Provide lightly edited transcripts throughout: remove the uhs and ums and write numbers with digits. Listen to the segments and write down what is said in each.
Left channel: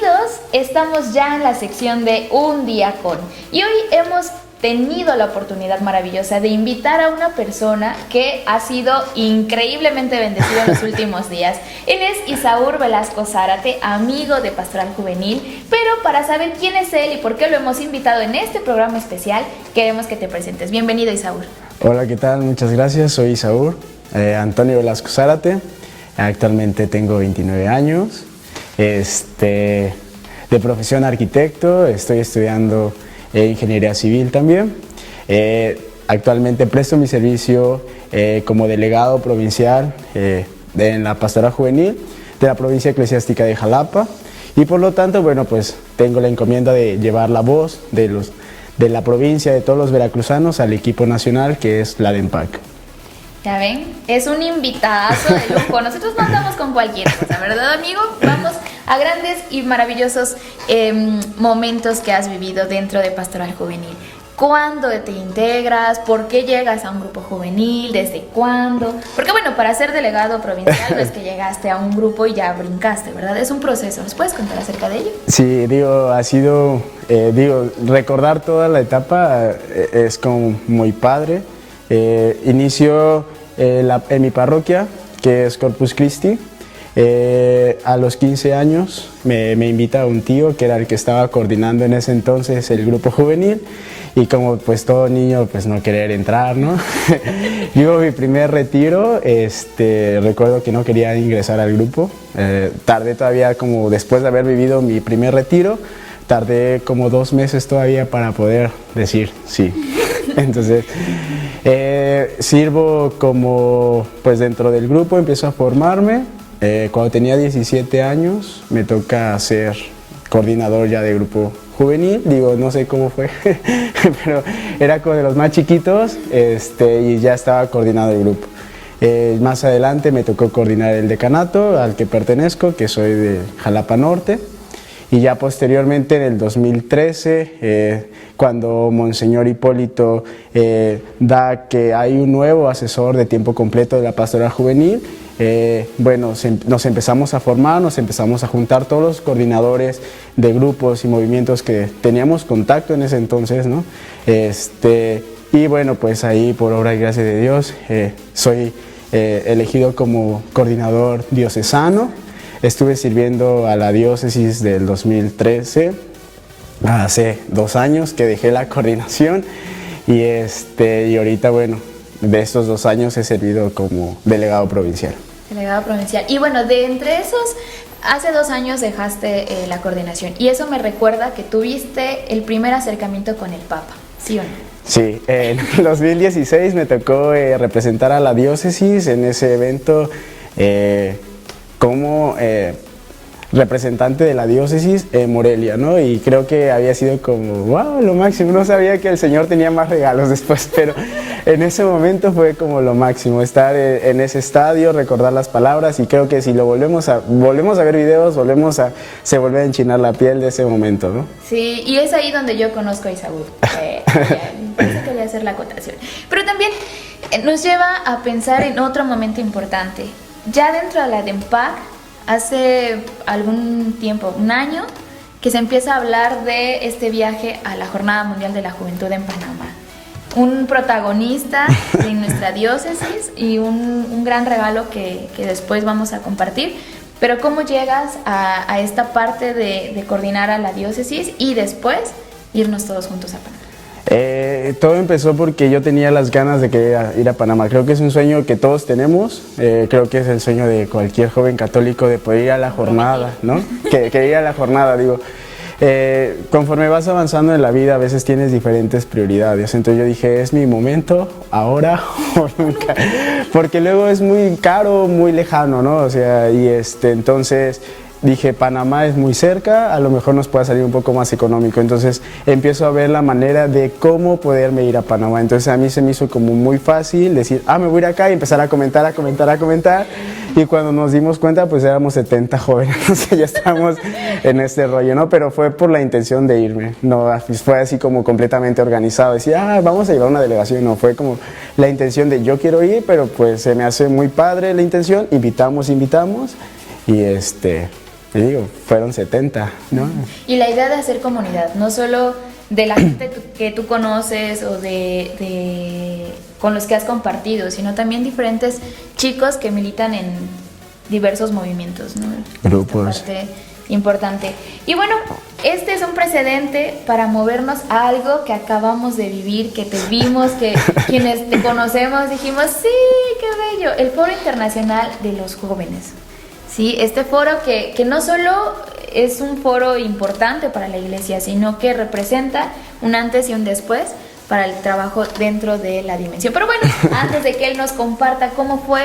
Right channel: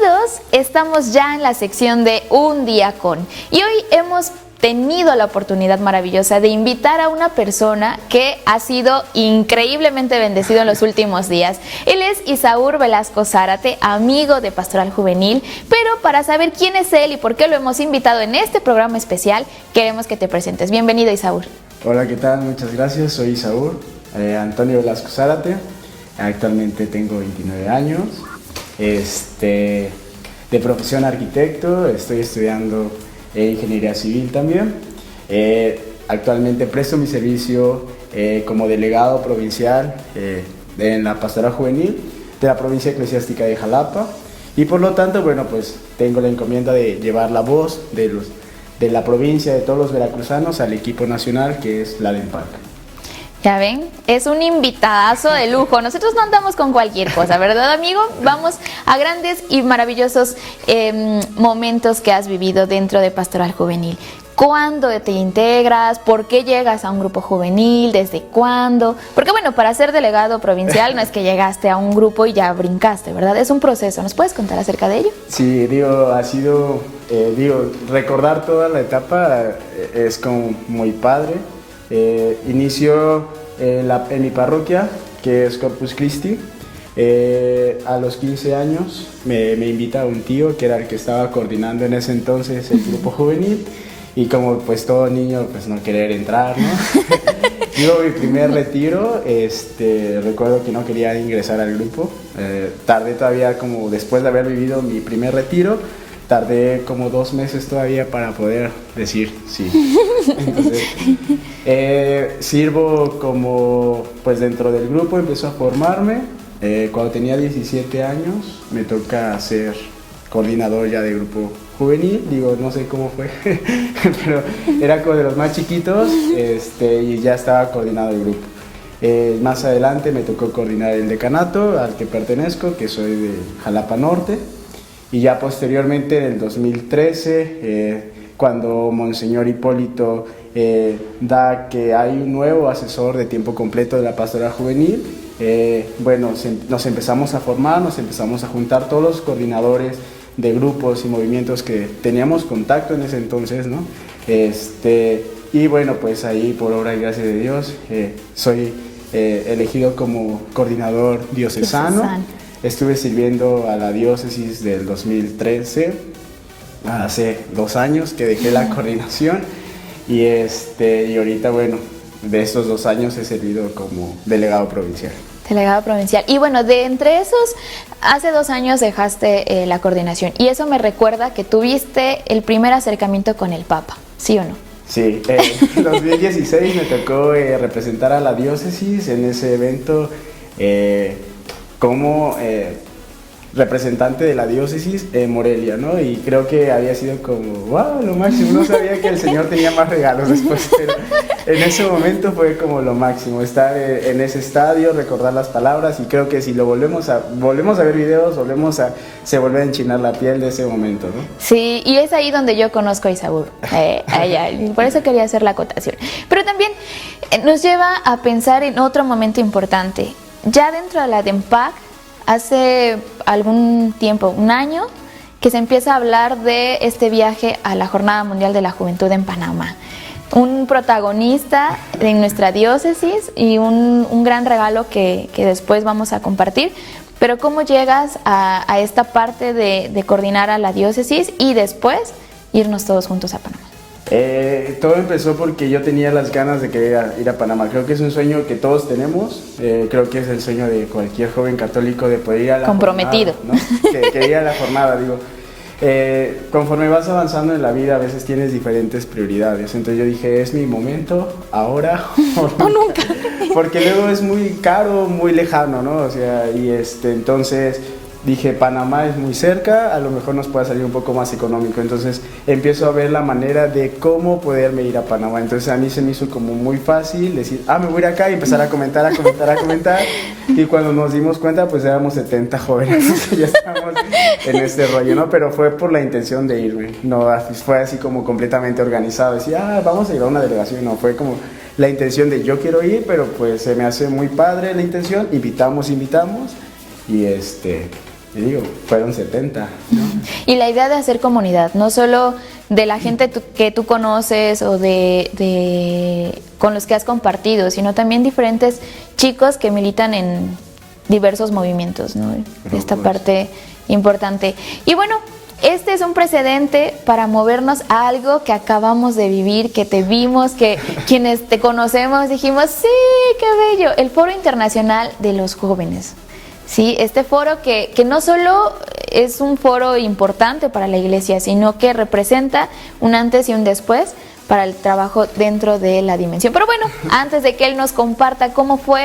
Bienvenidos, estamos ya en la sección de Un Día Con y hoy hemos tenido la oportunidad maravillosa de invitar a una persona que ha sido increíblemente bendecido en los últimos días. Él es Isaúr Velasco Zárate, amigo de Pastoral Juvenil, pero para saber quién es él y por qué lo hemos invitado en este programa especial, queremos que te presentes. Bienvenido, Isaúr. Hola, ¿qué tal? Muchas gracias, soy Isaúr Antonio Velasco Zárate, actualmente tengo 29 años, de profesión arquitecto, estoy estudiando ingeniería civil también. Actualmente presto mi servicio como delegado provincial en la Pastoral Juvenil de la provincia eclesiástica de Jalapa y por lo tanto, bueno, pues tengo la encomienda de llevar la voz de la provincia, de todos los veracruzanos al equipo nacional que es la DEMPAC. Ya ven, es un invitazo de lujo. Nosotros no andamos con cualquier cosa, ¿verdad, amigo? Vamos a grandes y maravillosos momentos que has vivido dentro de Pastoral Juvenil. ¿Cuándo te integras? ¿Por qué llegas a un grupo juvenil? ¿Desde cuándo? Porque bueno, para ser delegado provincial no es que llegaste a un grupo y ya brincaste, ¿verdad? Es un proceso. ¿Nos puedes contar acerca de ello? Sí, ha sido, recordar toda la etapa es como muy padre. Inició en mi parroquia, que es Corpus Christi. A los 15 años me invita un tío que era el que estaba coordinando en ese entonces el grupo juvenil y como pues todo niño pues no querer entrar, ¿no? Digo, mi primer retiro, recuerdo que no quería ingresar al grupo, tardé todavía como después de haber vivido mi primer retiro, tardé como 2 meses todavía para poder decir sí. Entonces, sirvo como, pues dentro del grupo, empiezo a formarme. Cuando tenía 17 años, me toca ser coordinador ya de grupo juvenil. Digo, no sé cómo fue, pero era como de los más chiquitos y ya estaba coordinado el grupo. Más adelante me tocó coordinar el decanato al que pertenezco, que soy de Jalapa Norte. Y ya posteriormente, en el 2013, cuando Monseñor Hipólito da que hay un nuevo asesor de tiempo completo de la Pastoral Juvenil, nos empezamos a formar, nos empezamos a juntar todos los coordinadores de grupos y movimientos que teníamos contacto en ese entonces, ¿no? Y bueno, pues ahí, por obra y gracia de Dios, soy elegido como coordinador diocesano. Estuve sirviendo a la diócesis del 2013, hace 2 años que dejé la coordinación y ahorita, bueno, de estos 2 años he servido como delegado provincial. Delegado provincial. Y bueno, de entre esos, hace 2 años dejaste la coordinación y eso me recuerda que tuviste el primer acercamiento con el Papa, ¿sí o no? Sí, en 2016 me tocó representar a la diócesis en ese evento como representante de la diócesis en Morelia, ¿no? Y creo que había sido como, wow, lo máximo. No sabía que el Señor tenía más regalos después, pero en ese momento fue como lo máximo, estar en ese estadio, recordar las palabras y creo que si lo volvemos a ver videos, se vuelve a enchinar la piel de ese momento, ¿no? Sí, y es ahí donde yo conozco a Isaúr, por eso quería hacer la acotación. Pero también nos lleva a pensar en otro momento importante. Ya dentro de la DEMPAC, hace algún tiempo, 1 año, que se empieza a hablar de este viaje a la Jornada Mundial de la Juventud en Panamá. Un protagonista de nuestra diócesis y un gran regalo que después vamos a compartir. Pero ¿cómo llegas a esta parte de coordinar a la diócesis y después irnos todos juntos a Panamá? Todo empezó porque yo tenía las ganas de querer ir a Panamá. Creo que es un sueño que todos tenemos. Creo que es el sueño de cualquier joven católico de poder ir a la comprometido, jornada, ¿no? que ir a la jornada, digo. Conforme vas avanzando en la vida, a veces tienes diferentes prioridades. Entonces yo dije, es mi momento, ahora o nunca. Porque luego es muy caro, muy lejano, ¿no? O sea, entonces dije, Panamá es muy cerca, a lo mejor nos puede salir un poco más económico. Entonces empiezo a ver la manera de cómo poderme ir a Panamá. Entonces a mí se me hizo como muy fácil decir, me voy a ir acá y empezar a comentar. Y cuando nos dimos cuenta, pues éramos 70 jóvenes, entonces ya estábamos en este rollo, ¿no? Pero fue por la intención de irme, no fue así como completamente organizado. Decía, vamos a llevar una delegación, no, fue como la intención de yo quiero ir, pero pues se me hace muy padre la intención, invitamos. Y te digo, fueron 70, ¿no? Y la idea de hacer comunidad, no solo de la gente que tú conoces o con los que has compartido, sino también diferentes chicos que militan en diversos movimientos, ¿no? Grupos. Esta parte importante. Y bueno, este es un precedente para movernos a algo que acabamos de vivir, que te vimos, que quienes te conocemos dijimos, sí, qué bello, el Foro Internacional de los Jóvenes. Sí, este foro que no solo es un foro importante para la iglesia, sino que representa un antes y un después para el trabajo dentro de la dimensión. Pero bueno, antes de que él nos comparta cómo fue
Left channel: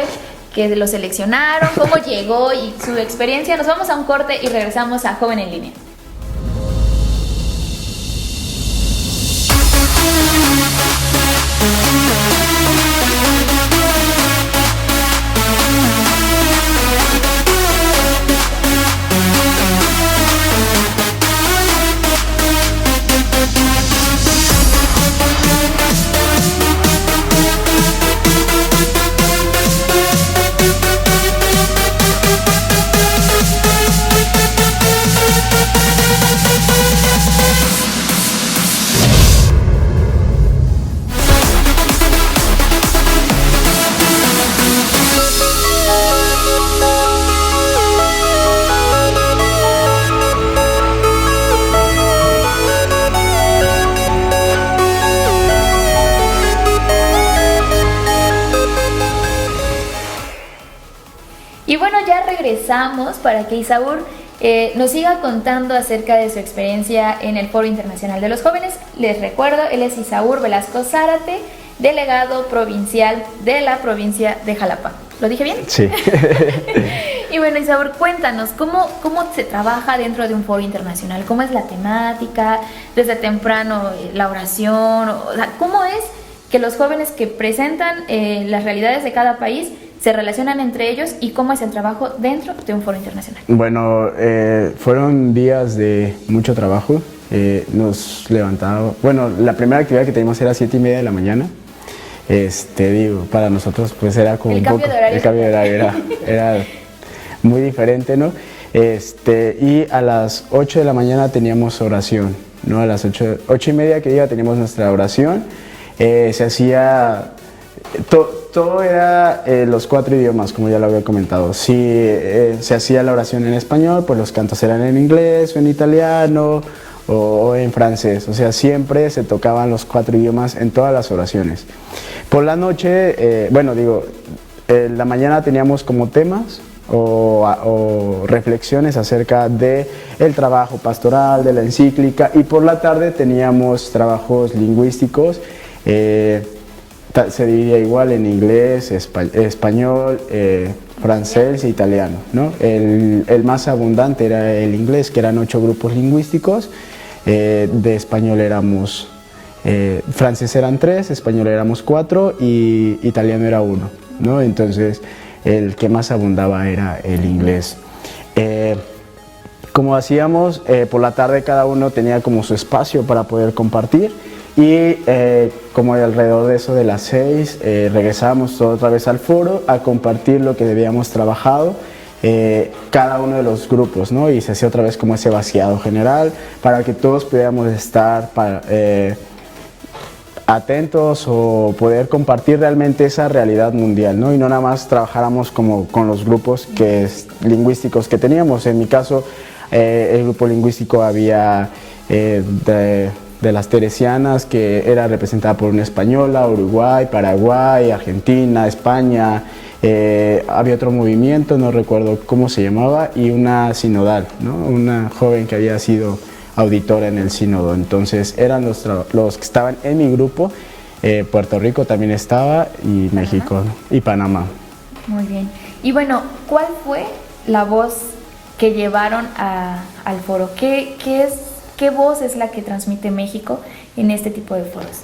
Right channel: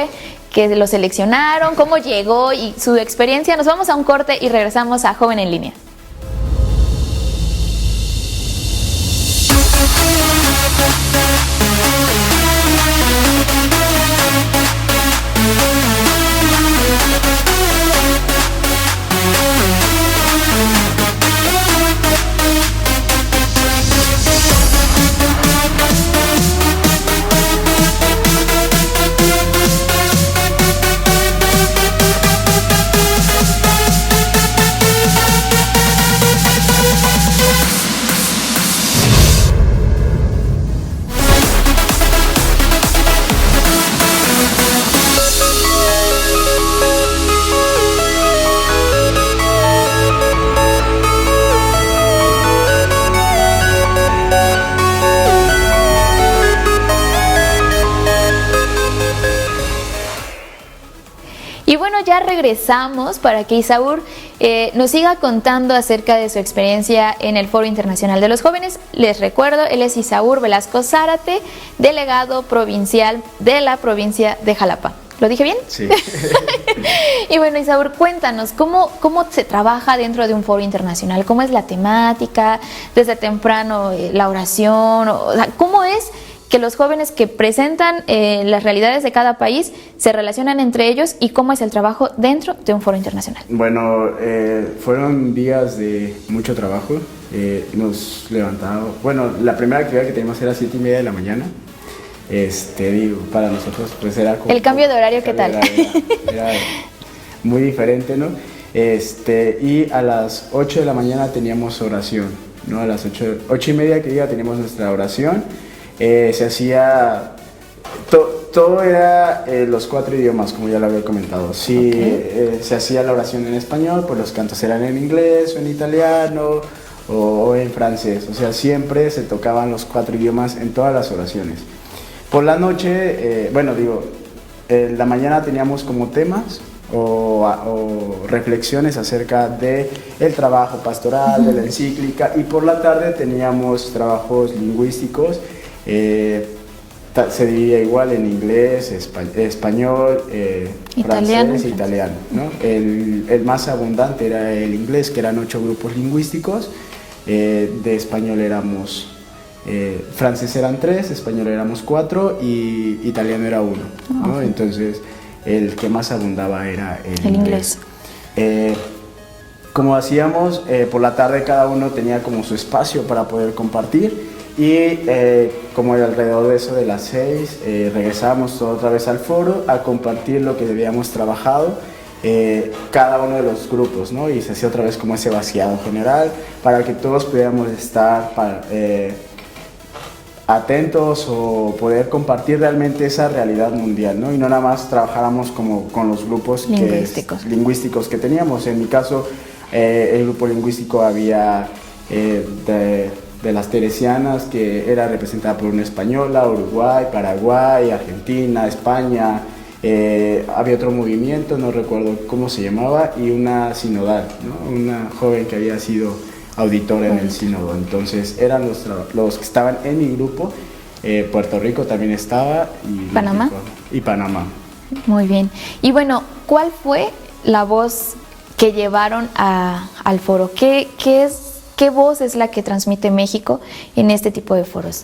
que lo seleccionaron, cómo llegó y su experiencia, nos vamos a un corte y regresamos a Joven en Línea. Regresamos para que Isaúr nos siga contando acerca de su experiencia en el Foro Internacional de los Jóvenes. Les recuerdo, él es Isaúr Velasco Zárate, delegado provincial de la provincia de Jalapa. ¿Lo dije bien? Sí. Y bueno, Isaúr, cuéntanos, ¿cómo se trabaja dentro de un foro internacional? ¿Cómo es la temática? Desde temprano, la oración, o sea, ¿cómo es que los jóvenes que presentan las realidades de cada país se relacionan entre ellos y cómo es el trabajo dentro de un foro internacional? Bueno, fueron días de mucho trabajo. Nos levantamos, bueno, la primera actividad que teníamos era 7:30 de la mañana. Digo, para nosotros pues era como el cambio de horario, ¿qué tal? Era muy diferente, ¿no? Y a las 8 de la mañana teníamos oración, ¿no? A las 8:30 que diga teníamos nuestra oración. Se hacía, todo era los 4 idiomas, como ya lo había comentado. Si se hacía la oración en español, pues los cantos eran en inglés o en italiano o en francés. O sea, siempre se tocaban los 4 idiomas en todas las oraciones. Por la noche, en la mañana teníamos como temas o reflexiones acerca de el trabajo pastoral, de la encíclica, y por la tarde teníamos trabajos lingüísticos. Se diría igual en inglés, español, francés e italiano, ¿no? El más abundante era el inglés, que eran 8 grupos lingüísticos. De español éramos, francés eran 3, español éramos 4 y italiano era 1, ¿no? Entonces el que más abundaba era el inglés. Como hacíamos, por la tarde cada uno tenía como su espacio para poder compartir. Y como alrededor de eso de las 6 regresábamos otra vez al foro a compartir lo que habíamos trabajado cada uno de los grupos, ¿no? Y se hacía otra vez como ese vaciado general para que todos pudiéramos estar atentos o poder compartir realmente esa realidad mundial, ¿no? Y no nada más trabajáramos como con los grupos lingüísticos que teníamos. En mi caso, el grupo lingüístico había de las teresianas, que era representada por una española, Uruguay, Paraguay, Argentina, España. Había otro movimiento, no recuerdo cómo se llamaba, y una sinodal, ¿no? Una joven que había sido auditora en el sínodo. Entonces eran los que estaban en mi grupo. Puerto Rico también estaba, y ¿Panamá? México y Panamá. Muy bien. Y bueno, ¿cuál fue la voz que llevaron al foro? ¿Qué voz es la que transmite México en este tipo de foros?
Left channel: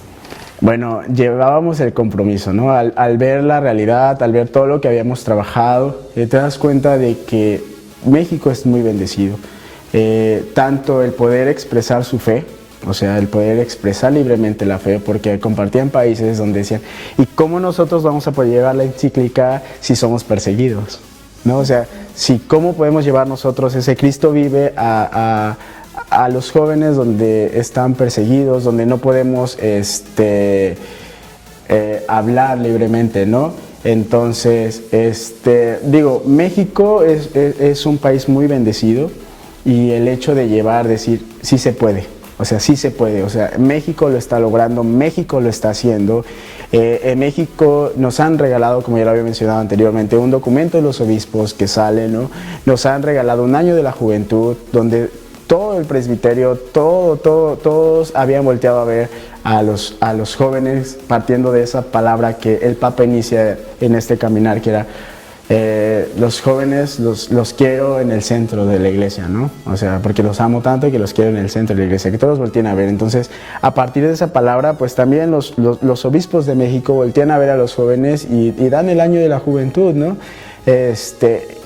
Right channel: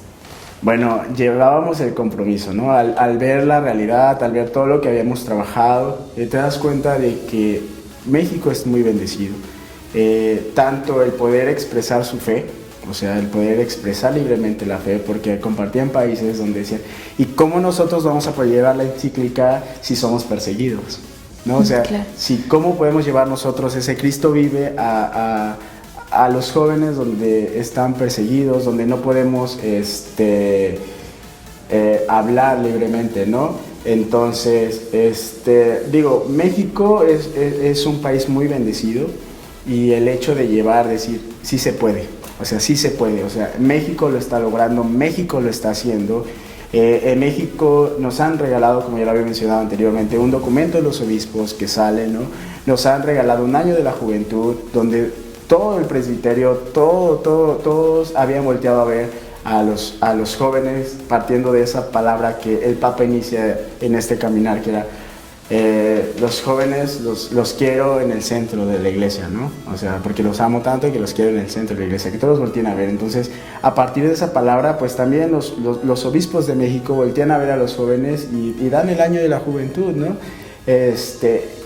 Bueno, llevábamos el compromiso, ¿no? Al ver la realidad, al ver todo lo que habíamos trabajado, te das cuenta de que México es muy bendecido. Tanto el poder expresar su fe, o sea, el poder expresar libremente la fe, porque compartían países donde decían, ¿y cómo nosotros vamos a poder llevar la encíclica si somos perseguidos? ¿no? O sea, Claro. si cómo podemos llevar nosotros ese Cristo vive a los jóvenes donde están perseguidos, donde no podemos hablar libremente, ¿no? Entonces, digo, México es un país muy bendecido y el hecho de llevar, decir, sí se puede, o sea, sí se puede, o sea, México lo está logrando, México lo está haciendo. En México nos han regalado, como ya lo había mencionado anteriormente, un documento de los obispos que sale, ¿no? Nos han regalado un año de la juventud, donde todo el presbiterio, todos habían volteado a ver a los jóvenes, partiendo de esa palabra que el Papa inicia en este caminar, que era los jóvenes los quiero en el centro de la iglesia, ¿no? O sea, porque los amo tanto que los quiero en el centro de la iglesia, que todos volteen a ver. Entonces, a partir de esa palabra, pues también los obispos de México voltean a ver a los jóvenes y dan el año de la juventud, ¿no?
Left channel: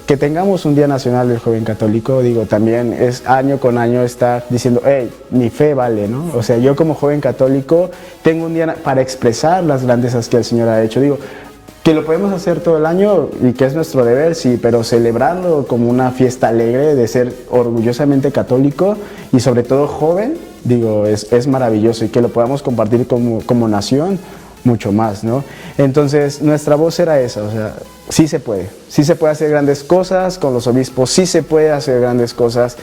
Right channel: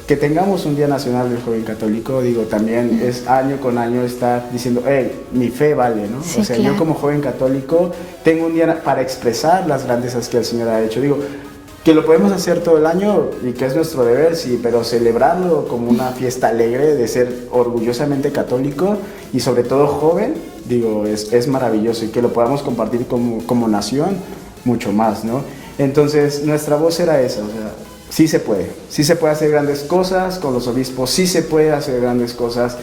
Que tengamos un Día Nacional del Joven Católico, digo, también es año con año estar diciendo, hey, mi fe vale, ¿no? Sí, o sea, claro. yo como joven católico tengo un día para expresar las grandezas que el Señor ha hecho. Digo, que lo podemos hacer todo el año y que es nuestro deber, sí, pero celebrarlo como una fiesta alegre de ser orgullosamente católico y sobre todo joven, digo, es maravilloso, y que lo podamos compartir como nación, mucho más, ¿no? Entonces, nuestra voz era esa, o sea, sí se puede hacer grandes cosas con los obispos, sí se puede hacer grandes cosas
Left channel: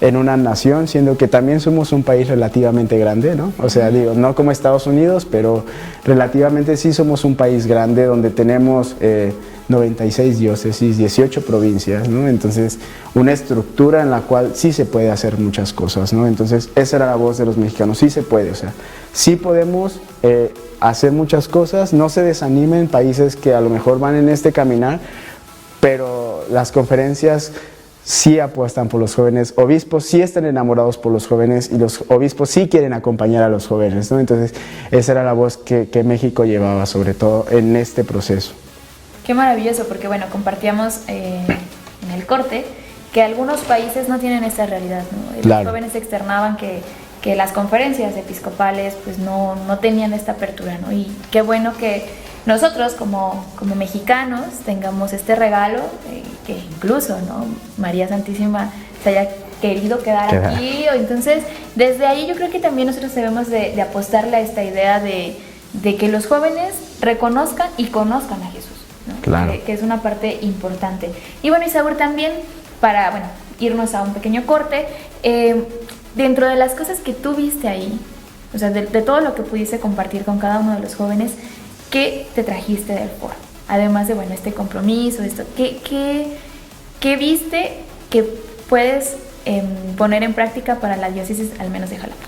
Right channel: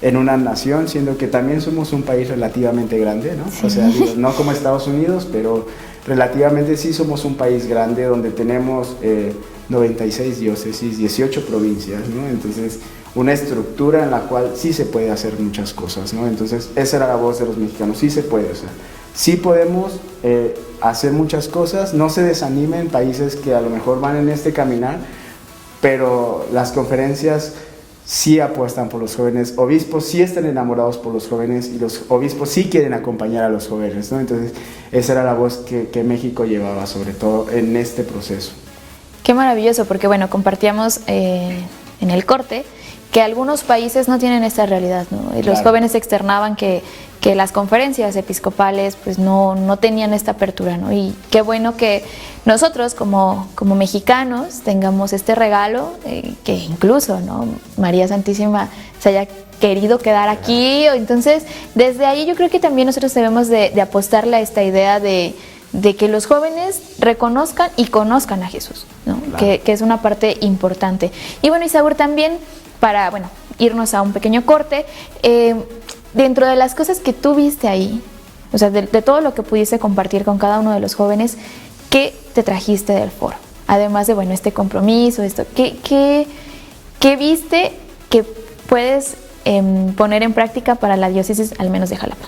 en una nación, siendo que también somos un país relativamente grande, ¿no? Sí. O sea, digo, no como Estados Unidos, pero relativamente sí somos un país grande donde tenemos 96 diócesis, 18 provincias, ¿no? Entonces, una estructura en la cual sí se puede hacer muchas cosas, ¿no? Entonces, esa era la voz de los mexicanos, sí se puede, o sea, sí podemos hacer muchas cosas, no se desanimen países que a lo mejor van en este caminar, pero las conferencias sí apuestan por los jóvenes, obispos sí están enamorados por los jóvenes y los obispos sí quieren acompañar a los jóvenes, ¿no? Entonces, esa era la voz que México llevaba, sobre todo en este proceso. Qué maravilloso, porque bueno, compartíamos en el corte que algunos países no tienen esta realidad, ¿no? Y los Claro. jóvenes externaban que las conferencias episcopales pues no tenían esta apertura, ¿no? Y qué bueno que nosotros como mexicanos tengamos este regalo, que incluso, ¿no? María Santísima se haya querido quedar aquí. Entonces, desde ahí yo creo que también nosotros debemos de apostarle a esta idea de que los jóvenes reconozcan y conozcan a Jesús, ¿no? Claro. Que es una parte importante. Y bueno, Isaúr, también para irnos a un pequeño corte, dentro de las cosas que tú viste ahí, o sea, de todo lo que pudiste compartir con cada uno de los jóvenes, ¿qué te trajiste del foro? Además de, este compromiso, ¿qué viste que puedes poner en práctica para la diócesis, al menos de Jalapa?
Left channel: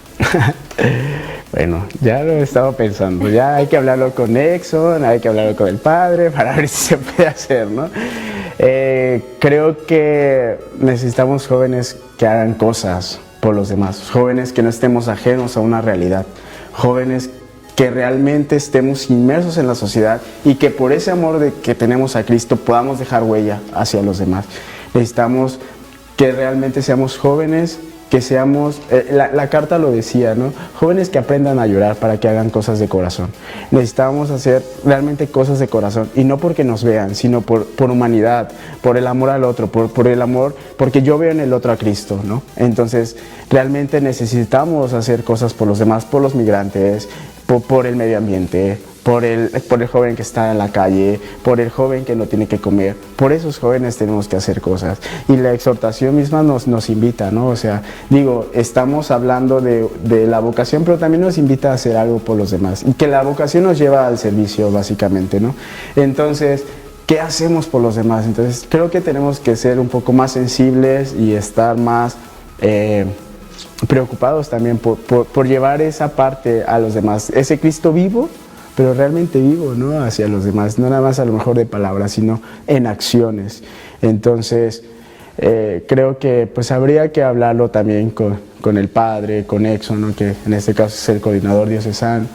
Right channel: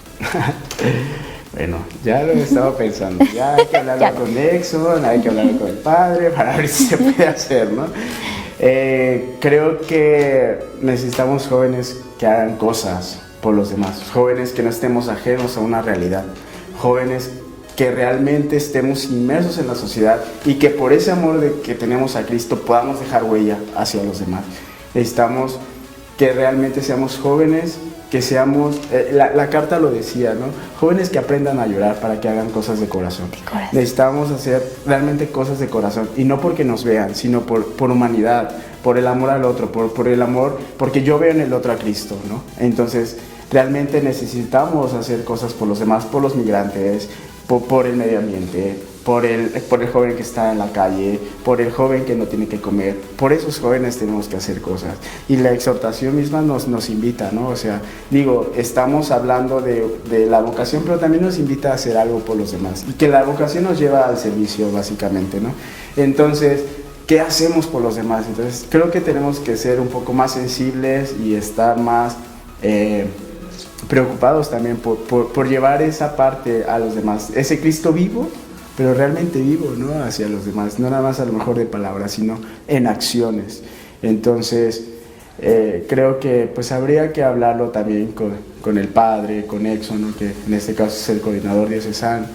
Bueno, ya lo he estado pensando, ya hay que hablarlo con Exxon, hay que hablarlo con el padre para ver si se puede hacer, ¿no? Creo que necesitamos jóvenes que hagan cosas por los demás, jóvenes que no estemos ajenos a una realidad, jóvenes que realmente estemos inmersos en la sociedad y que por ese amor que tenemos a Cristo podamos dejar huella hacia los demás. Necesitamos que realmente seamos jóvenes, que seamos, la carta lo decía, ¿no? Jóvenes que aprendan a llorar para que hagan cosas de corazón. Necesitamos hacer realmente cosas de corazón, y no porque nos vean, sino por humanidad, por el amor al otro, por el amor, porque yo veo en el otro a Cristo, ¿no? Entonces, realmente necesitamos hacer cosas por los demás, por los migrantes, por el medio ambiente, por el joven que está en la calle, por el joven que no tiene que comer. Por esos jóvenes tenemos que hacer cosas. Y la exhortación misma nos invita, ¿no? O sea, digo, estamos hablando de la vocación, pero también nos invita a hacer algo por los demás. Y que la vocación nos lleva al servicio, básicamente, ¿no? Entonces, ¿qué hacemos por los demás? Entonces, creo que tenemos que ser un poco más sensibles y estar más preocupados también por llevar esa parte a los demás. Ese Cristo vivo, pero realmente vivo, ¿no? Hacia los demás, no nada más a lo mejor de palabras, sino en acciones. Entonces, creo que pues habría que hablarlo también con el padre, con Exxon, ¿no? Que en este caso es el coordinador diocesano,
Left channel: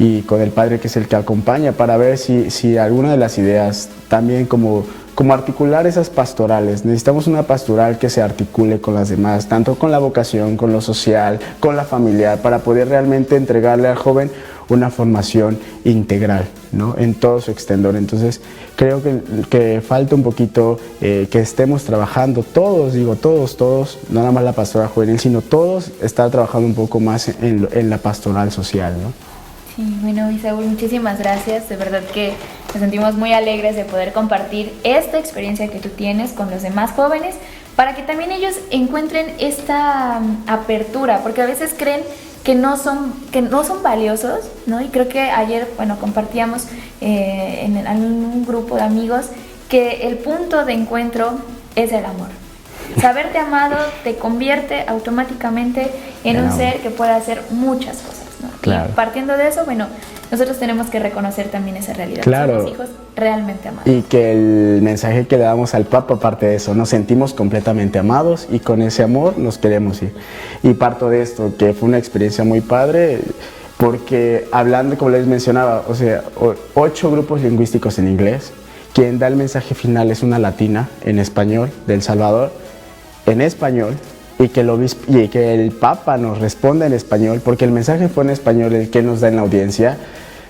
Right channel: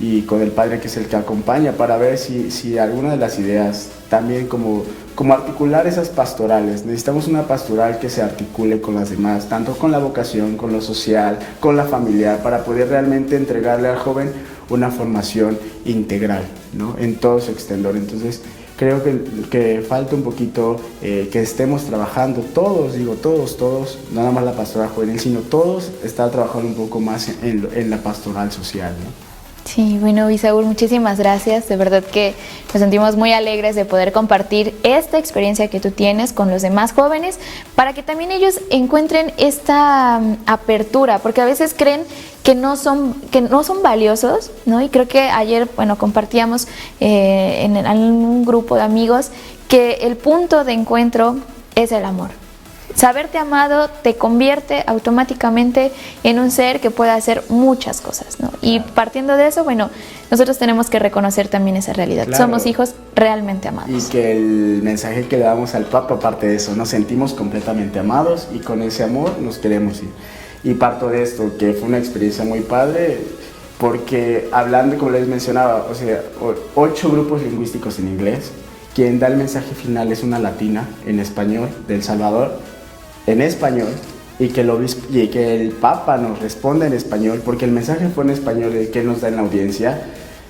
y con el padre, que es el que acompaña, para ver si alguna de las ideas, también como articular esas pastorales. Necesitamos una pastoral que se articule con las demás, tanto con la vocación, con lo social, con la familiar, para poder realmente entregarle al joven una formación integral, ¿no? En todo su extendor. Entonces, creo que falta un poquito que estemos trabajando todos, no nada más la pastoral juvenil, sino todos estar trabajando un poco más en la pastoral social, ¿no? Sí, bueno, Isaúl, muchísimas gracias. De verdad que nos sentimos muy alegres de poder compartir esta experiencia que tú tienes con los demás jóvenes para que también ellos encuentren esta apertura, porque a veces creen que no son valiosos, ¿no? Y creo que ayer, bueno, compartíamos en un grupo de amigos que el punto de encuentro es el amor. Saberte amado te convierte automáticamente en un ser que puede hacer muchas cosas, ¿no? Claro. Y partiendo de eso, bueno, nosotros tenemos que reconocer también esa realidad. Claro. Somos hijos realmente amados. Y que el mensaje que le damos al Papa, aparte de eso, nos sentimos completamente amados y con ese amor nos queremos ir. Y parto de esto, que fue una experiencia muy padre, porque hablando, como les mencionaba, o sea, 8 grupos lingüísticos en inglés, quien da el mensaje final es una latina en español de El Salvador, en español, y que el Papa nos responda en español, porque el mensaje fue en español, el que nos da en la audiencia,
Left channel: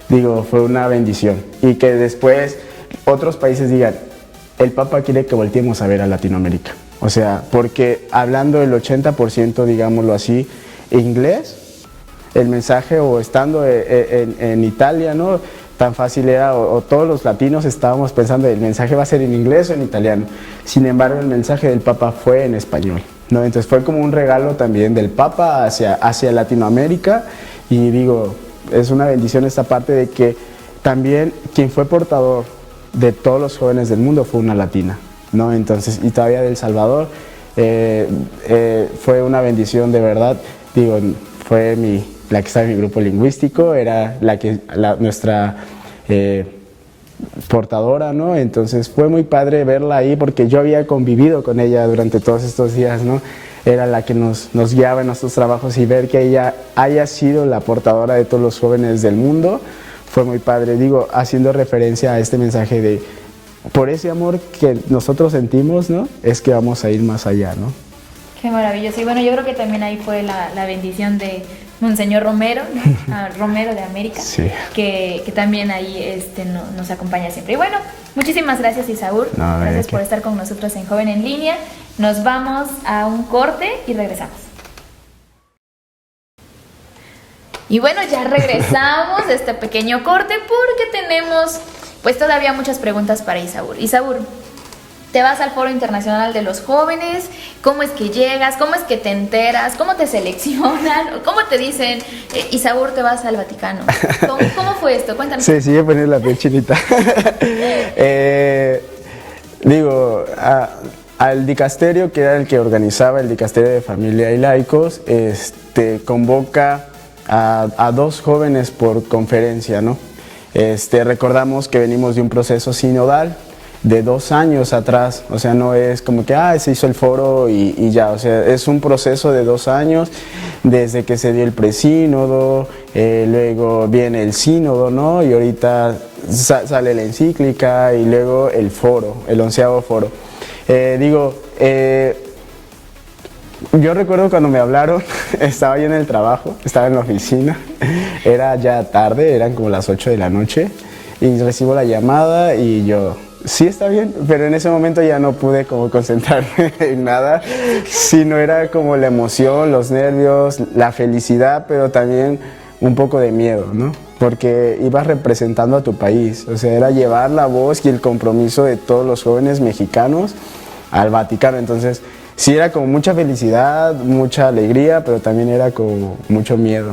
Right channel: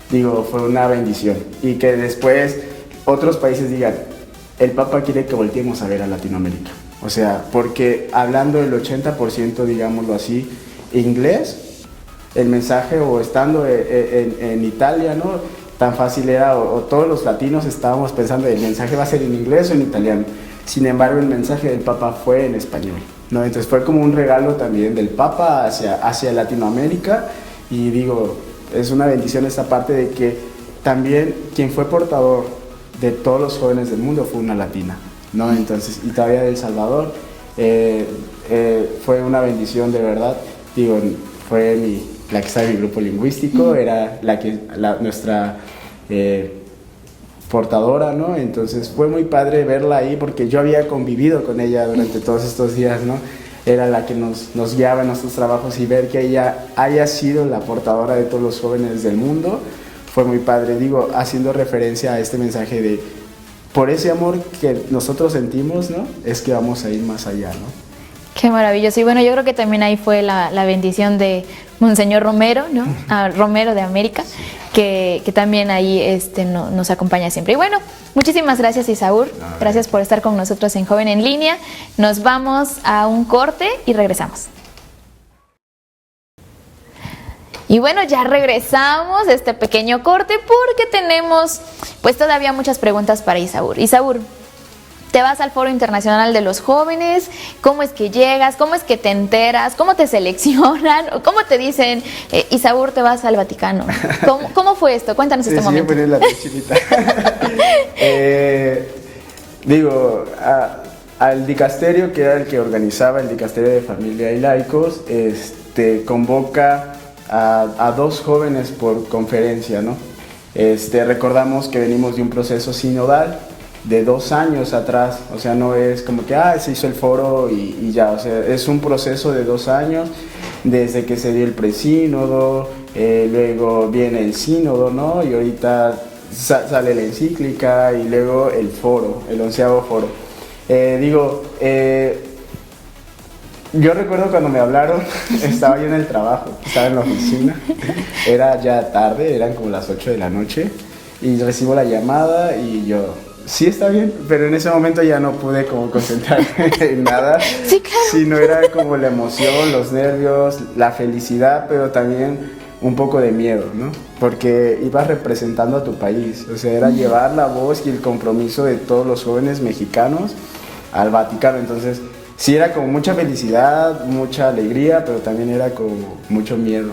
digo, fue una bendición. Y que después otros países digan, el Papa quiere que volteemos a ver a Latinoamérica. O sea, porque hablando del 80%, digámoslo así, inglés, el mensaje, o estando en Italia, ¿no? Tan fácil era, o todos los latinos estábamos pensando, el mensaje va a ser en inglés o en italiano. Sin embargo, el mensaje del Papa fue en español, ¿no? Entonces fue como un regalo también del Papa hacia Latinoamérica, y digo, es una bendición esta parte de que también quien fue portador de todos los jóvenes del mundo fue una latina, ¿no? Entonces, y todavía de El Salvador, fue una bendición de verdad. Digo, fue la que estaba en mi grupo lingüístico, era nuestra portadora, ¿no? Entonces fue muy padre verla ahí, porque yo había convivido con ella durante todos estos días, ¿no? Era la que nos guiaba en nuestros trabajos, y ver que ella haya sido la portadora de todos los jóvenes del mundo fue muy padre. Digo, haciendo referencia a este mensaje de, por ese amor que nosotros sentimos, ¿no? Es que vamos a ir más allá, ¿no? Qué maravilloso. Y bueno, yo creo que también ahí fue la bendición de Monseñor Romero, ¿no? Romero de América, sí. que también ahí nos acompaña siempre. Y bueno, muchísimas gracias, Isaúl. No, gracias por estar con nosotros en Joven en Línea. Nos vamos a un corte y regresamos. Y bueno, ya regresamos de este pequeño corte porque tenemos pues todavía muchas preguntas para Isaúl. Isaúl, te vas al Foro Internacional de los Jóvenes, ¿cómo es que llegas? ¿Cómo es que te enteras? ¿Cómo te seleccionan? ¿Cómo te dicen, Isaúl, te vas al Vaticano? ¿Cómo fue esto? Cuéntanos este momento. Sí, la piel chinita. Digo, al dicasterio, que era el que organizaba el dicasterio de Familia y Laicos, convoca a 2 jóvenes por conferencia, ¿no? Recordamos que venimos de un proceso sinodal de 2 años atrás, o sea, no es como que se hizo el foro y ya, o sea, es un proceso de 2 años, desde que se dio el presínodo, luego viene el sínodo, ¿no? Y ahorita sale la encíclica, y luego el foro, el 11º foro. Yo recuerdo cuando me hablaron, estaba yo en el trabajo, estaba en la oficina, era ya tarde, eran como las 8 de la noche, y recibo la llamada y yo, sí, está bien, pero en ese momento ya no pude como concentrarme en nada, sino era como la emoción, los nervios, la felicidad, pero también un poco de miedo, ¿no? Porque ibas representando a tu país, o sea, era llevar la voz y el compromiso de todos los jóvenes mexicanos al Vaticano. Entonces sí, era como mucha felicidad, mucha alegría, pero también era como mucho miedo.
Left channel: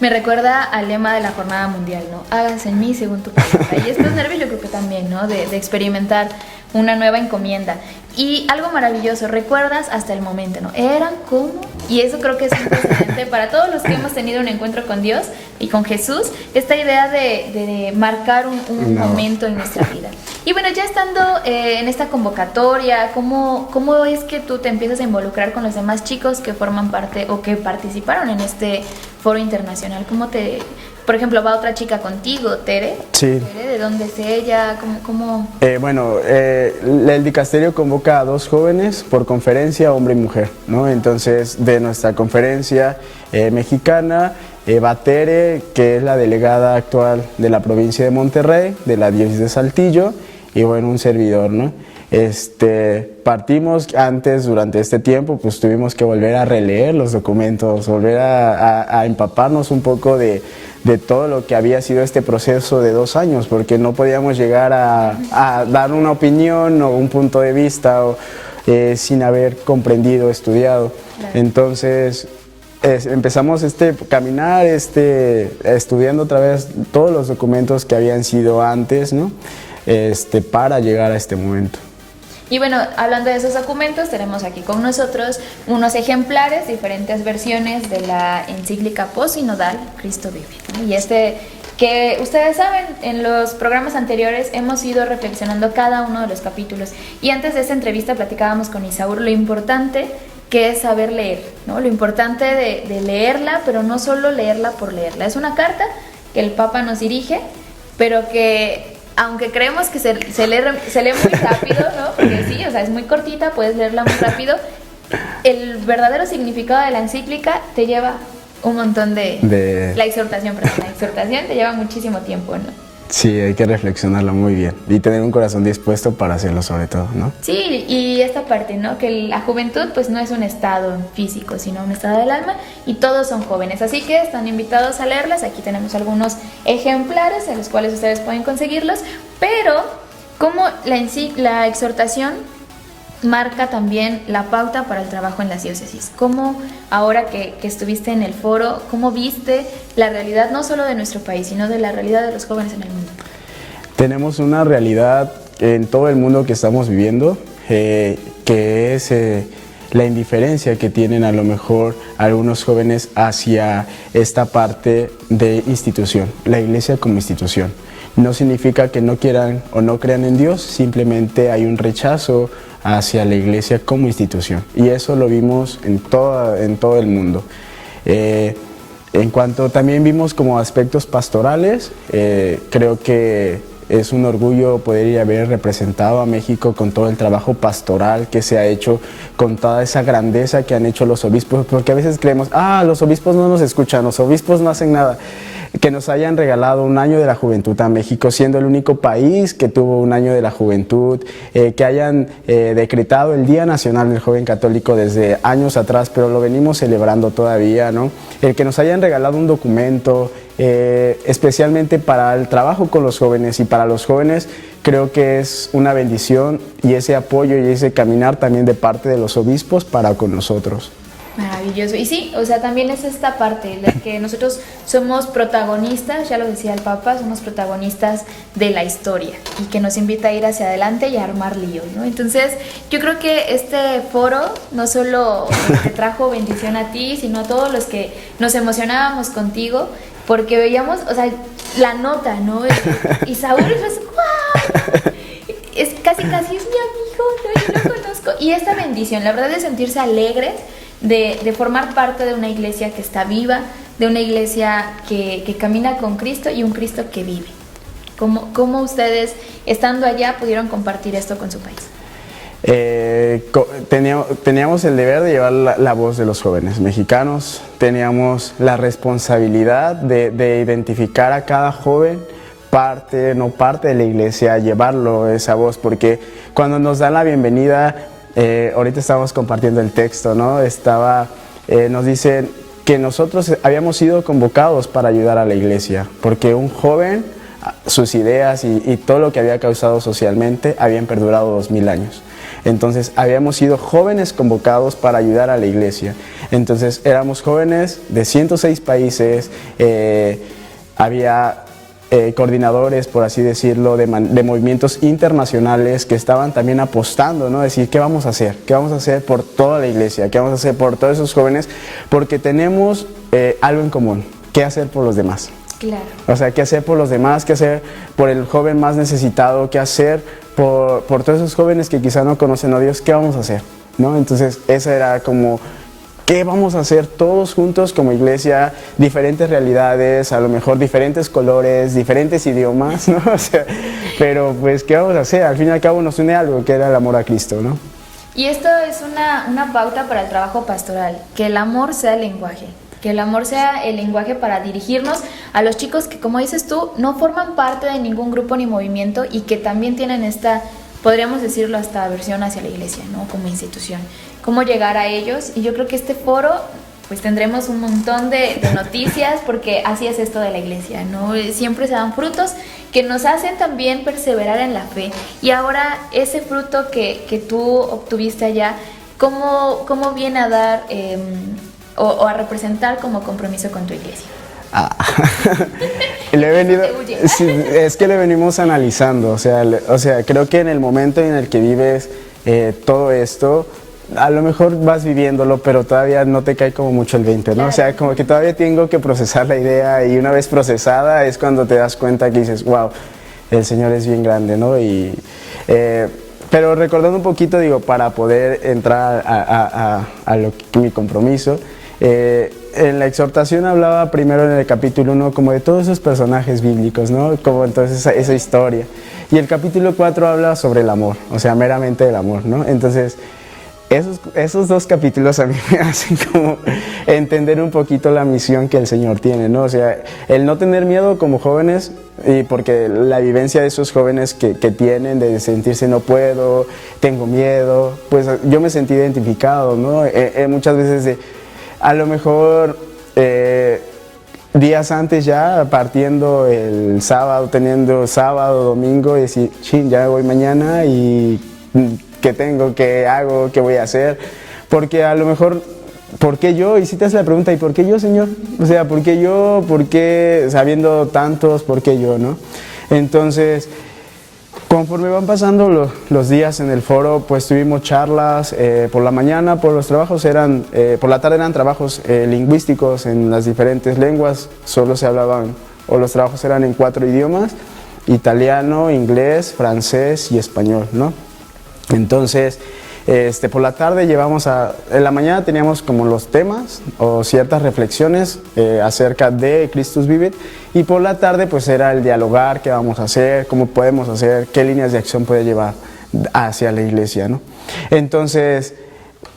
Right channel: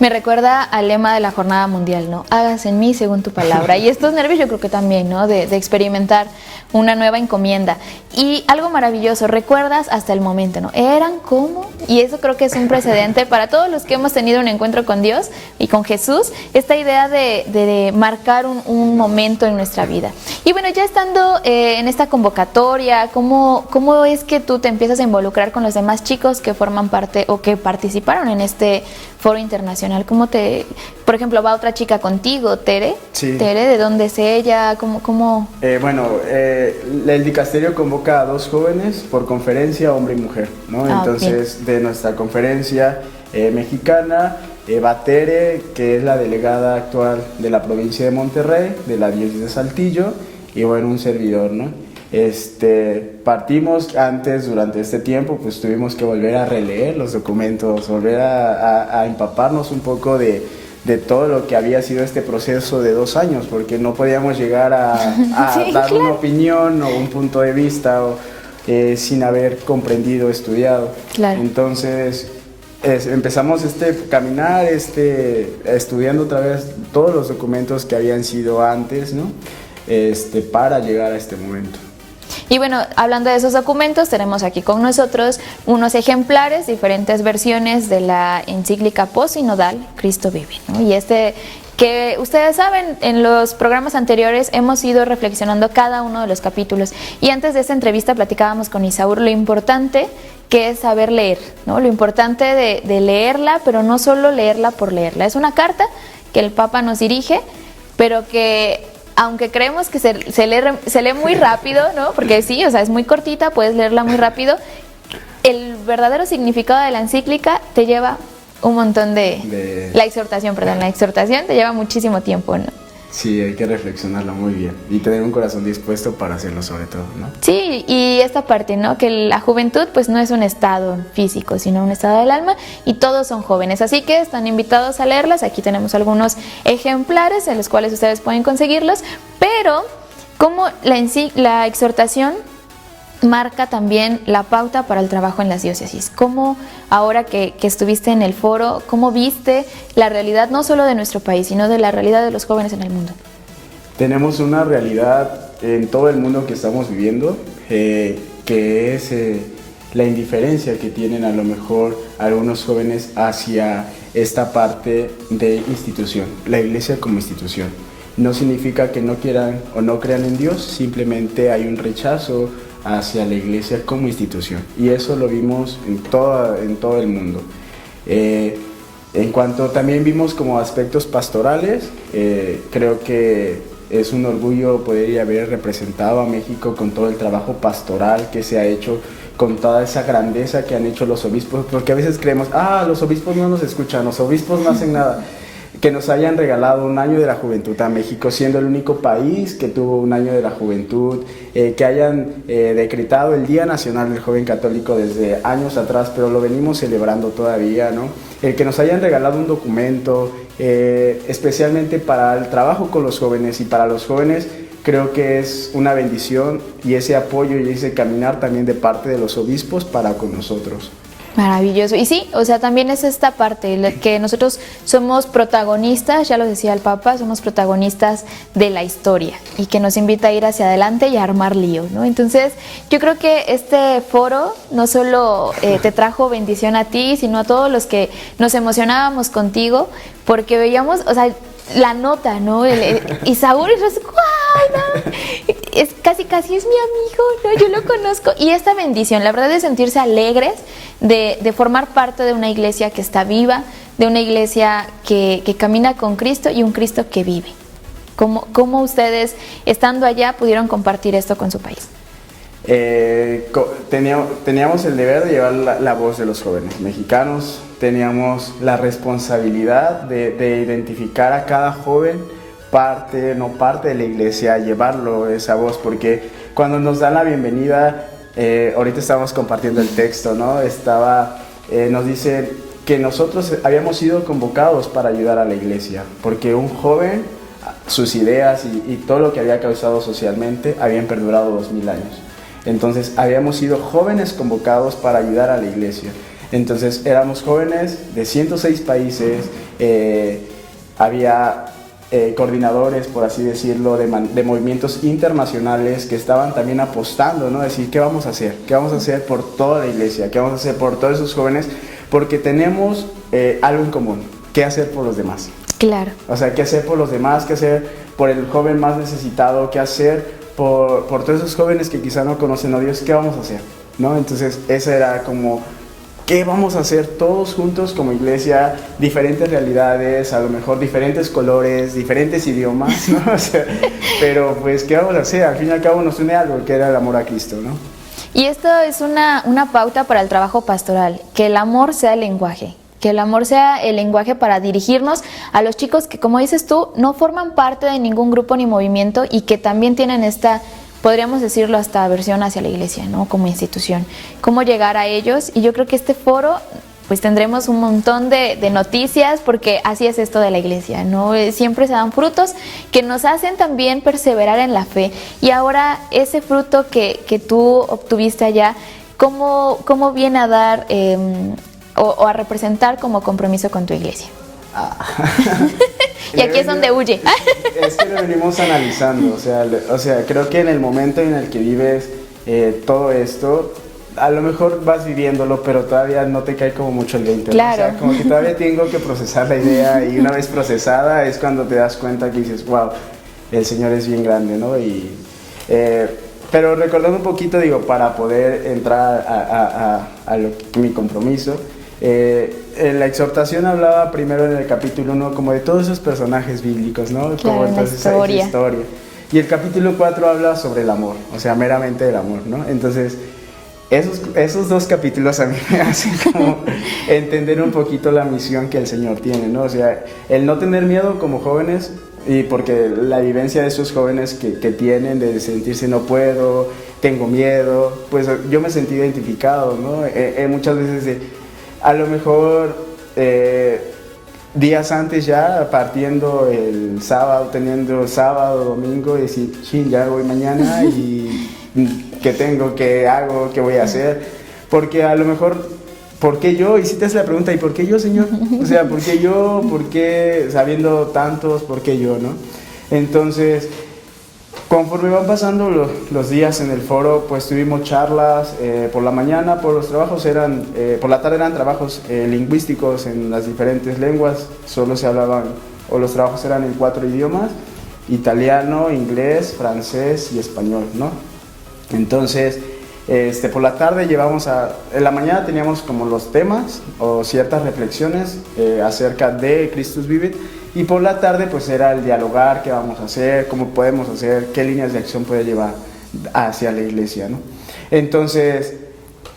Me recuerda al lema de la Jornada Mundial, ¿no? Hágase en mí según tu palabra. Y estos nervios yo creo que también, ¿no? De experimentar una nueva encomienda. Y algo maravilloso, recuerdas hasta el momento, ¿no? ¿Eran cómo? Y eso creo que es un precedente para todos los que hemos tenido un encuentro con Dios y con Jesús, esta idea de marcar un momento en nuestra vida. Y bueno, ya estando en esta convocatoria, ¿cómo es que tú te empiezas a involucrar con los demás chicos que forman parte o que participaron en este foro internacional? Por ejemplo, va otra chica contigo, Tere. Sí. Tere, ¿de dónde es ella? ¿Cómo? El dicasterio convoca a 2 jóvenes por conferencia, hombre y mujer, ¿no? Entonces, okay, de nuestra conferencia mexicana, Eva Tere, que es la delegada actual de la provincia de Monterrey, de la diócesis de Saltillo, y bueno, un servidor, ¿no? Partimos antes, durante este tiempo, pues tuvimos que volver a releer los documentos, volver a empaparnos un poco de todo lo que había sido este proceso de 2 años, porque no podíamos llegar a Sí, dar claro. una opinión o un punto de vista sin haber comprendido, estudiado. Claro. Entonces empezamos caminar, estudiando otra vez todos los documentos que habían sido antes, ¿no? Para llegar a este momento. Y bueno, hablando de esos documentos, tenemos aquí con nosotros unos ejemplares, diferentes versiones de la encíclica posinodal Cristo vive, ¿no? Y que ustedes saben, en los programas anteriores hemos ido reflexionando cada uno de los capítulos. Y antes de esta entrevista platicábamos con Isaúr lo importante que es saber leer, ¿no? Lo importante de leerla, pero no solo leerla por leerla. Es una carta que el Papa nos dirige, pero que aunque creemos que se lee muy rápido, ¿no? Porque sí, o sea, es muy cortita, puedes leerla muy rápido. El verdadero significado de la encíclica te lleva un montón la exhortación te lleva muchísimo tiempo, ¿no? Sí, hay que reflexionarlo muy bien y tener un corazón dispuesto para hacerlo sobre todo, ¿no? Sí, y esta parte, ¿no? Que la juventud pues no es un estado físico, sino un estado del alma y todos son jóvenes, así que están invitados a leerlas. Aquí tenemos algunos ejemplares en los cuales ustedes pueden conseguirlos, pero como la exhortación marca también la pauta para el trabajo en las diócesis. ¿Cómo, ahora que estuviste en el foro, cómo viste la realidad no solo de nuestro país, sino de la realidad de los jóvenes en el mundo? Tenemos una realidad en todo el mundo que estamos viviendo, que es la indiferencia que tienen a lo mejor algunos jóvenes hacia esta parte de institución, la iglesia como institución. No significa que no quieran o no crean en Dios, simplemente hay un rechazo hacia la iglesia como institución, y eso lo vimos en todo el mundo. En cuanto también vimos como aspectos pastorales, creo que es un orgullo poder haber representado a México con todo el trabajo pastoral que se ha hecho, con toda esa grandeza que han hecho los obispos, porque a veces creemos, los obispos no nos escuchan, los obispos no hacen nada. Que nos hayan regalado un año de la juventud a México, siendo el único país que tuvo un año de la juventud, que hayan decretado el Día Nacional del Joven Católico desde años atrás, pero lo venimos celebrando todavía, ¿no? El que nos hayan regalado un documento, especialmente para el trabajo con los jóvenes y para los jóvenes, creo que es una bendición, y ese apoyo y ese caminar también de parte de los obispos para con nosotros. Maravilloso. Y sí, o sea, también es esta parte, que nosotros somos protagonistas, ya lo decía el Papa, somos protagonistas de la historia y que nos invita a ir hacia adelante y a armar líos, ¿no? Entonces, yo creo que este foro no solo te trajo bendición a ti, sino a todos los que nos emocionábamos contigo, porque veíamos, o sea, la nota, ¿no? Y Saúl es ¡guau! ¿No? Es casi es mi amigo, ¿no? Yo lo conozco. Y esta bendición, la verdad, de sentirse alegres, de formar parte de una iglesia que está viva, de una iglesia que camina con Cristo y un Cristo que vive. ¿Cómo ustedes, estando allá, pudieron compartir esto con su país? Teníamos el deber de llevar la voz de los jóvenes mexicanos, teníamos la responsabilidad de identificar a cada joven, parte, no parte de la iglesia, llevarlo esa voz, porque cuando nos dan la bienvenida, ahorita estamos compartiendo el texto, ¿no? Nos dicen que nosotros habíamos sido convocados para ayudar a la iglesia, porque un joven, sus ideas y todo lo que había causado socialmente habían perdurado 2000 años. Entonces habíamos sido jóvenes convocados para ayudar a la iglesia. Entonces éramos jóvenes de 106 países, había coordinadores, por así decirlo, de movimientos internacionales que estaban también apostando, ¿no? Decir, ¿qué vamos a hacer? ¿Qué vamos a hacer por toda la iglesia? ¿Qué vamos a hacer por todos esos jóvenes? Porque tenemos algo en común, ¿qué hacer por los demás? Claro. O sea, ¿qué hacer por los demás? ¿Qué hacer por el joven más necesitado? ¿Qué hacer por todos esos jóvenes que quizá no conocen a Dios? ¿Qué vamos a hacer? ¿No? Entonces, esa era como, ¿qué vamos a hacer todos juntos como iglesia? Diferentes realidades, a lo mejor diferentes colores, diferentes idiomas, ¿no? O sea, pero pues, ¿qué vamos a hacer? Al fin y al cabo nos une algo, que era el amor a Cristo, ¿no? Y esto es una pauta para el trabajo pastoral, que el amor sea el lenguaje, que el amor sea el lenguaje para dirigirnos a los chicos que, como dices tú, no forman parte de ningún grupo ni movimiento y que también tienen esta, podríamos decirlo, hasta aversión hacia la iglesia, ¿no? Como institución. ¿Cómo llegar a ellos? Y yo creo que este foro, pues tendremos un montón de noticias, porque así es esto de la iglesia, ¿no? Siempre se dan frutos que nos hacen también perseverar en la fe. Y ahora ese fruto que tú obtuviste allá, ¿cómo viene a dar o a representar como compromiso con tu iglesia? Y aquí es donde huye. Sí, es que lo venimos analizando, o sea, creo que en el momento en el que vives todo esto, a lo mejor vas viviéndolo, pero todavía no te cae como mucho el 20, claro. ¿no? O sea, como que todavía tengo que procesar la idea, y una vez procesada es cuando te das cuenta que dices, wow, el Señor es bien grande, ¿no? Pero recordando un poquito, digo, para poder entrar a mi compromiso, en la exhortación hablaba primero en el capítulo 1 como de todos esos personajes bíblicos, ¿no? Claro, como entonces esa historia. Y el capítulo 4 habla sobre el amor, o sea, meramente el amor, ¿no? Entonces, esos dos capítulos a mí me hacen como entender un poquito la misión que el Señor tiene, ¿no? O sea, el no tener miedo como jóvenes, porque la vivencia de esos jóvenes que tienen de sentirse no puedo, tengo miedo, pues yo me sentí identificado, ¿no? Muchas veces a lo mejor días antes ya, partiendo el sábado, teniendo sábado, domingo, y decir, sí, ya voy mañana y ¿qué tengo? ¿Qué hago? ¿Qué voy a hacer? Porque a lo mejor, ¿por qué yo? Y si te haces la pregunta, ¿y por qué yo, Señor? O sea, ¿por qué yo? ¿Por qué sabiendo tantos? ¿Por qué yo, no? Entonces, conforme van pasando los días en el foro, pues tuvimos charlas por la mañana, por la tarde eran trabajos lingüísticos en las diferentes lenguas, solo se hablaban, o los trabajos eran en 4 idiomas, italiano, inglés, francés y español, ¿no? Entonces, por la tarde en la mañana teníamos como los temas o ciertas reflexiones acerca de Christus Vivit, y por la tarde pues era el dialogar, qué vamos a hacer, cómo podemos hacer, qué líneas de acción puede llevar hacia la iglesia, ¿no? Entonces,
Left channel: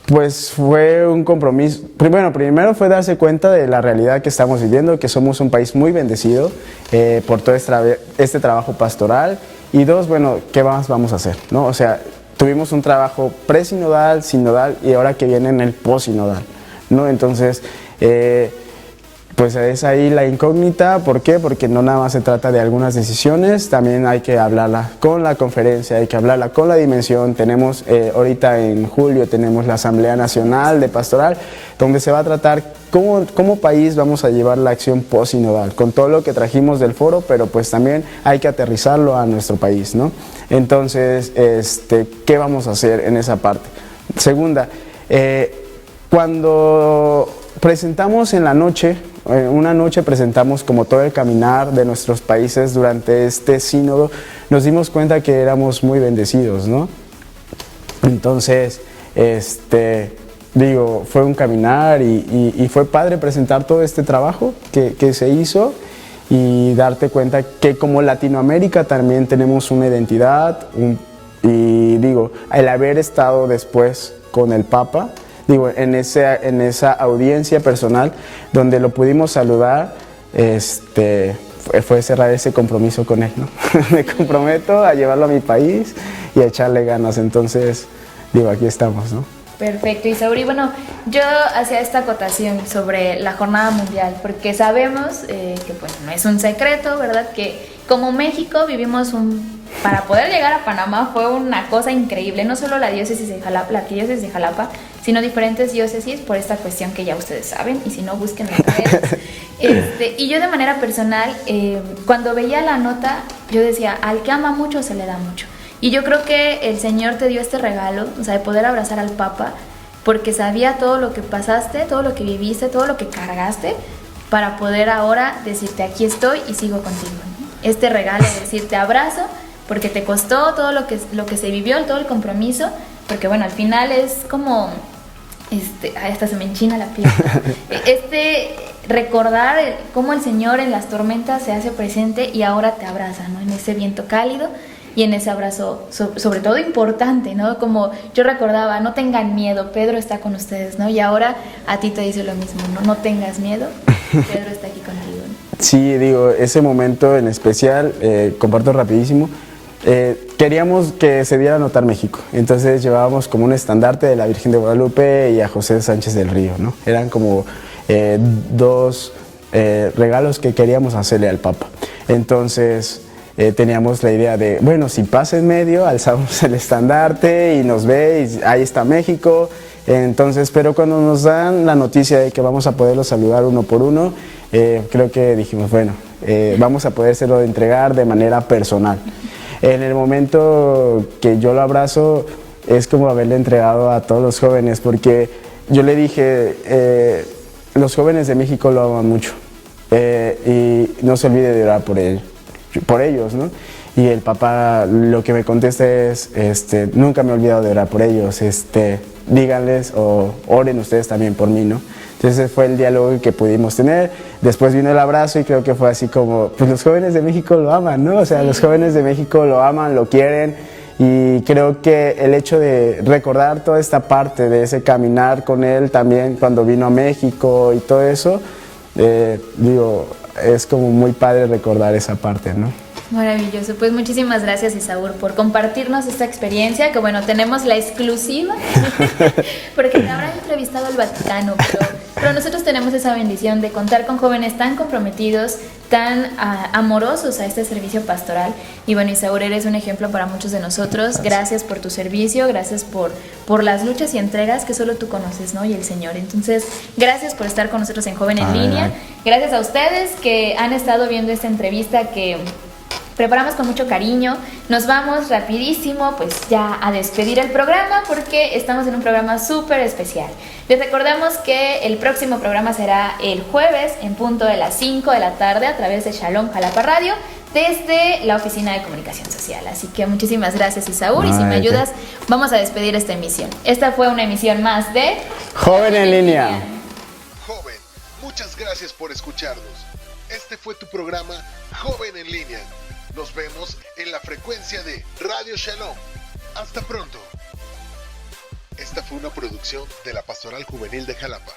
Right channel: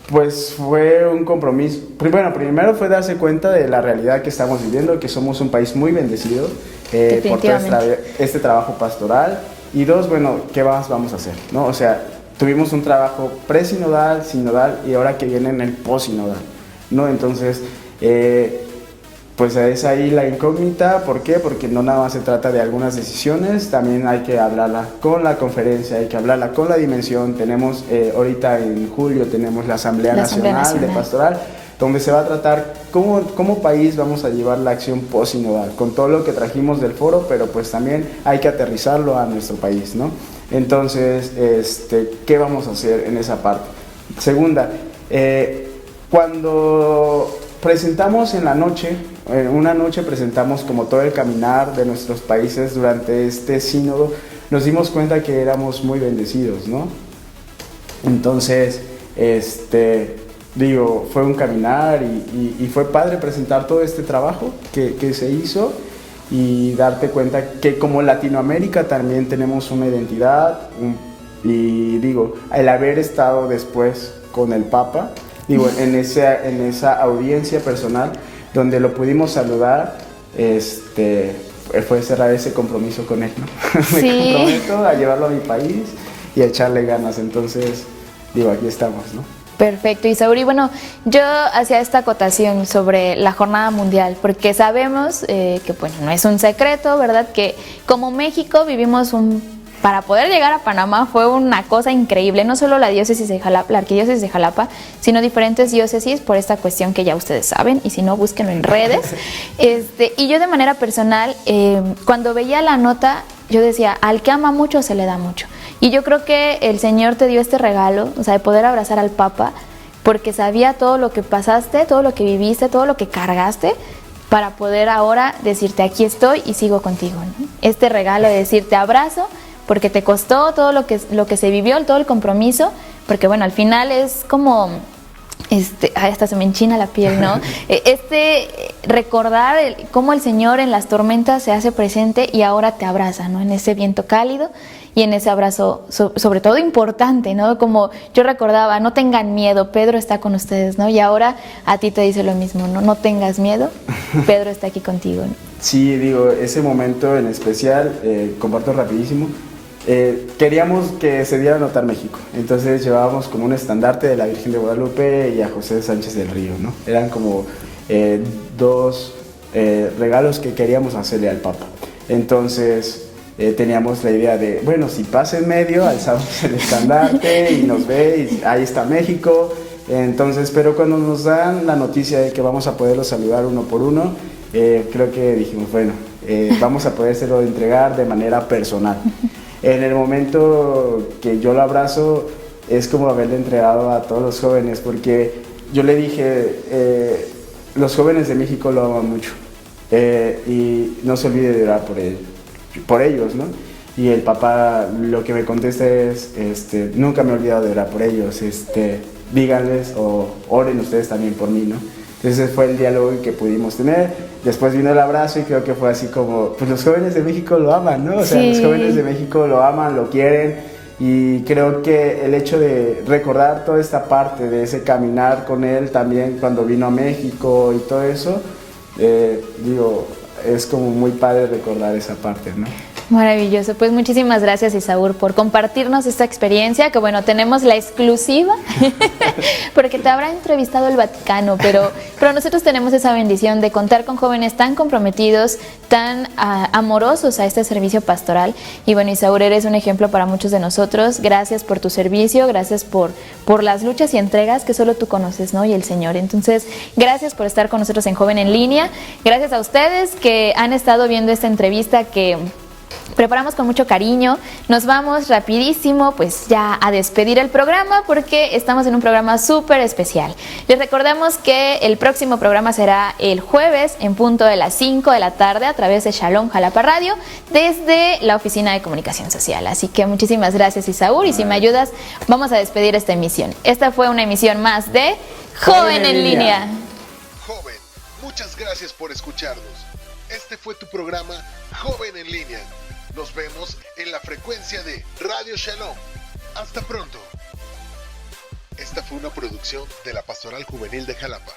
pues fue un compromiso. Primero fue darse cuenta de la realidad que estamos viviendo, que somos un país muy bendecido por todo este trabajo pastoral. Y 2, bueno, ¿qué más vamos a hacer, no? O sea, tuvimos un trabajo presinodal, sinodal, y ahora que viene en el posinodal, ¿no? Entonces, pues es ahí la incógnita. ¿Por qué? Porque no nada más se trata de algunas decisiones, también hay que hablarla con la conferencia, hay que hablarla con la dimensión. Tenemos, ahorita en julio tenemos la Asamblea Nacional de Pastoral, donde se va a tratar cómo país vamos a llevar la acción posinodal, con todo lo que trajimos del foro, pero pues también hay que aterrizarlo a nuestro país, ¿no? Entonces, ¿qué vamos a hacer en esa parte? Segunda, cuando presentamos en la noche, una noche presentamos como todo el caminar de nuestros países durante este sínodo, nos dimos cuenta que éramos muy bendecidos, ¿no? Entonces, fue un caminar y fue padre presentar todo este trabajo que se hizo, y darte cuenta que como Latinoamérica también tenemos una identidad, el haber estado después con el Papa, en esa audiencia personal donde lo pudimos saludar, fue cerrar ese compromiso con él, ¿no? Sí. Me comprometo a llevarlo a mi país y a echarle ganas. Entonces, aquí estamos, ¿no? Perfecto, Isauri. Bueno, yo hacía esta acotación sobre la jornada mundial, porque sabemos que pues no es un secreto, ¿verdad? Que como México vivimos para poder llegar a Panamá fue una cosa increíble, no solo la arquidiócesis de Jalapa, sino diferentes diócesis, por esta cuestión que ya ustedes saben, y si no, búsquenlo en redes. Y yo de manera personal, cuando veía la nota, yo decía, al que ama mucho se le da mucho. Y yo creo que el Señor te dio este regalo, o sea, de poder abrazar al Papa, porque sabía todo lo que pasaste, todo lo que viviste, todo lo que cargaste, para poder ahora decirte, aquí estoy y sigo contigo, ¿no? Este regalo de decirte abrazo, porque te costó todo lo que se vivió, todo el compromiso, porque bueno, al final es como, hasta se me enchina la piel, ¿no? recordar cómo el Señor en las tormentas se hace presente y ahora te abraza, ¿no? En ese viento cálido y en ese abrazo, sobre todo importante, ¿no? Como yo recordaba, no tengan miedo, Pedro está con ustedes, ¿no? Y ahora a ti te dice lo mismo, ¿no? No tengas miedo, Pedro está aquí contigo, ¿no? Sí, digo, ese momento en especial, comparto rapidísimo, queríamos que se diera a notar México, entonces llevábamos como un estandarte de la Virgen de Guadalupe y a José Sánchez del Río, ¿no? Eran como dos regalos que queríamos hacerle al Papa. Entonces teníamos la idea de, bueno, si pasa en medio, alzamos el estandarte y nos ve, y ahí está México. Entonces, pero cuando nos dan la noticia de que vamos a poderlo saludar uno por uno, creo que dijimos, bueno, vamos a podérselo entregar de manera personal. En el momento que yo lo abrazo, es como haberle entregado a todos los jóvenes, porque yo le dije, los jóvenes de México lo aman mucho, y no se olvide de orar por ellos, ¿no? Y el papá lo que me contesta es, nunca me he olvidado de orar por ellos, díganles o oren ustedes también por mí, ¿no? Entonces fue el diálogo que pudimos tener. Después vino el abrazo y creo que fue así como, pues los jóvenes de México lo aman, ¿no? O sea, sí. Los jóvenes de México lo aman, lo quieren, y creo que el hecho de recordar toda esta parte de ese caminar con él también cuando vino a México y todo eso, digo, es como muy padre recordar esa parte, ¿no? Maravilloso, pues muchísimas gracias, Isaúr, por compartirnos esta experiencia, que bueno, tenemos la exclusiva, porque te habrá entrevistado el Vaticano, pero nosotros tenemos esa bendición de contar con jóvenes tan comprometidos, tan amorosos a este servicio pastoral, y bueno, Isaúr, eres un ejemplo para muchos de nosotros. Gracias por tu servicio, gracias por las luchas y entregas que solo tú conoces, ¿no? Y el Señor. Entonces, gracias por estar con nosotros en Joven en Línea, gracias a ustedes que han estado viendo esta entrevista que preparamos con mucho cariño. Nos vamos rapidísimo pues ya a despedir el programa, porque estamos en un programa súper especial. Les recordamos que el próximo programa será el jueves en punto de las 5 de la tarde a través de Shalom Jalapa Radio, desde la Oficina de Comunicación Social. Así que muchísimas gracias, Isaúr, y si me ayudas vamos a despedir esta emisión. Esta fue una emisión más de Joven en Línea. Joven, muchas gracias por escucharnos. Este fue tu programa Joven en Línea. Nos vemos en la frecuencia de Radio Shalom. Hasta pronto. Esta fue una producción de la Pastoral Juvenil de Jalapa.